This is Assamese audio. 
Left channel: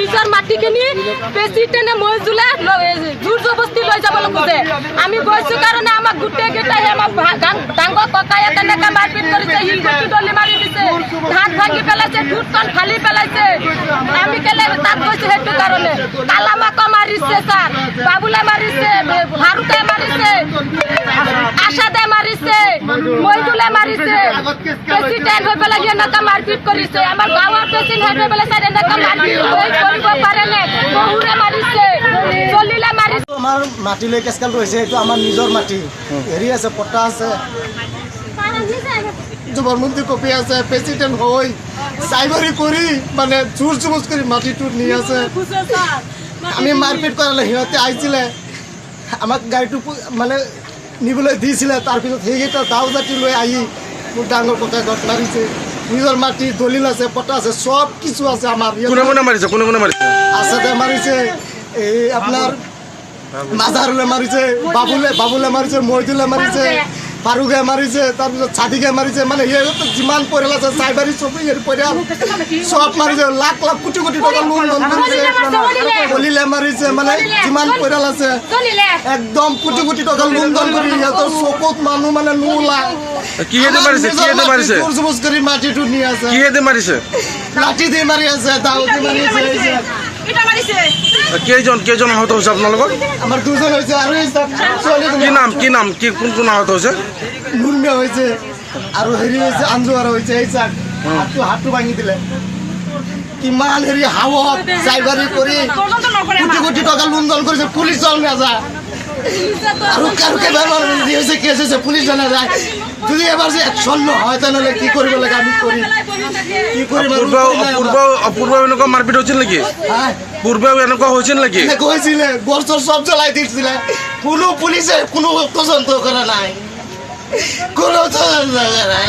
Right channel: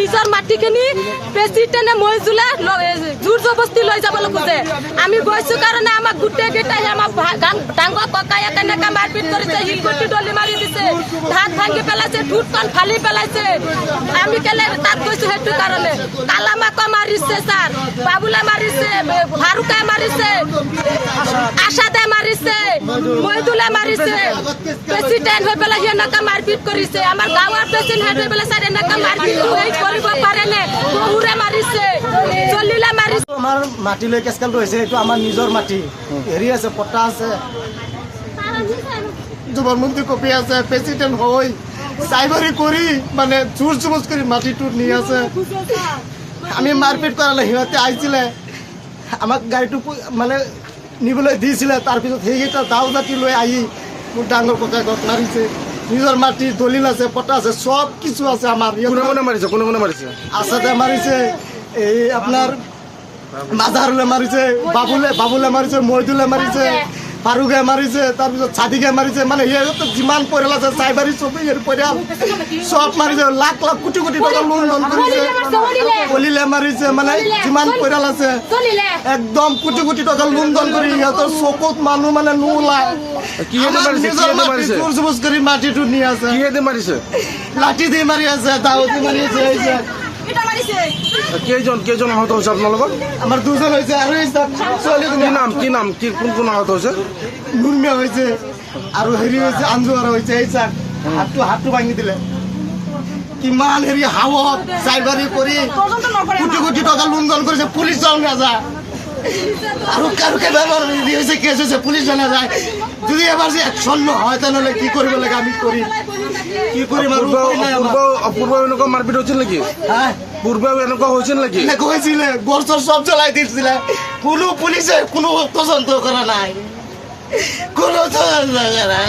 নিজৰ মাটিখিনি বেছি তেনে মই জোলা জোৰ জবস্তি লৈ যাবলৈ খোজে। আমি গৈছো কাৰণে আমাক গোটেইকেইটাই আমাক ডাঙৰ ককায়ে তেনেকে মাৰপিট কৰিছে, শিলগুটি দলি মাৰি দিছে, ধান ভাঙি পেলাইছে, ঠোঁটখন ফালি পেলাইছে। আমি কেলে তাত গৈছো সেইটো কাৰণে। কালামাকো মাৰিছে ছাৰ, বাবুলে মাৰিছে, ফাৰুকে মাৰিছে, আশাদে মাৰিছে, মইদুলে মাৰিছে। প্ৰেচিডেণ্ট হৈ পেলাই এনেকা মাৰপিট কৰিছে। আমাৰ গাঁৱৰ প্ৰেচিডেণ্ট হৈ পেলাই ছাৰ এনেকা মাৰপিট কৰিব পাৰে নে? বহুৰে মাৰিছে, জলিলে মাৰিছে। আমাৰ মাটিলৈ কেচকালটো হৈছে, এইটো আমাৰ নিজৰ মাটি। হেৰি আছে, পট্টা আছে, জবৰমন্দি কপি আছে। প্ৰেচিডেণ্ট হৈ চাইবাৰি কৰি মানে জোৰ জবজ কৰি মাটিটো নি আছে। আমি মাৰপিট কৰালে সিহঁতে আহিছিলে, আমাক গাড়ীটো মানে নিবলৈ দিছিলে। তাৰপিছত সেইকেইটা দাও জাতি লৈ আহি মোক ডাঙৰ ককাইক মাৰিছে। নিজৰ মাটি দলিল আছে, পট্টা আছে, সব কিছু আছে আমাৰ। কোনে মাৰিছে? আছাদে মাৰিছে, এই আপোনাৰ মাজাৰুলে মাৰিছে, বাবুলে মাৰিছে, মইদুলে মাৰিছে, ফাৰুকে মাৰিছে, তাৰপিছত ছাদিকে মাৰিছে। মানে সিহঁতে যিমান পৰিয়াল আছে চাইবাৰী চবি পৰিয়াল চব মাৰিছে। লাখ লাখ কোটি কোটি টকা লোন ধন কৰিছে, কলিলে মাৰিছে। মানে যিমান পৰিয়াল আছে একদম কোটি কোটি টকা লোন ধন কৰি সিহঁতৰ চকুত মানুহ মানে নোলায়। কৰি মাটিটো নি আছে, লাঠি দি মাৰি আছে, দাও দি মাৰি আছে। কেইজন আহত হৈছে আপোনালোকৰ? আমাৰ দুজন হৈছে আৰু কি নাম কোন আহত হৈছে? নুৰমিয়া হৈছে আৰু হেৰি হৈছে আঞ্জুৱাৰ হৈছে। এই চাক হাতটো ভাঙি দিলে। কিমান হেৰি হাৱত চাইবাৰি কৰি কোটি কোটি টকা লোন ধন কৰিছে। পুলিচ দল নাযায় আৰু হৈছে কেছ হৈছে, পুলিচ দল নাযায়। যদি এবাৰ যে একশ্যন নহয় তেনেহ'লে কি কৰিব লাগে আমি কৰিম। কি কৰিম? পূৰ্ব এনেকুৱা মাৰপিট হৈছিল নেকি? পূৰ্বে এনেকুৱা হৈছিল নেকি? হৈছিলে, গড় চব জ্বলাই দিছিলে। কোনো পুলিচে কোনো তদন্ত কৰা নাই, কোনো তদন্ত কৰা নাই।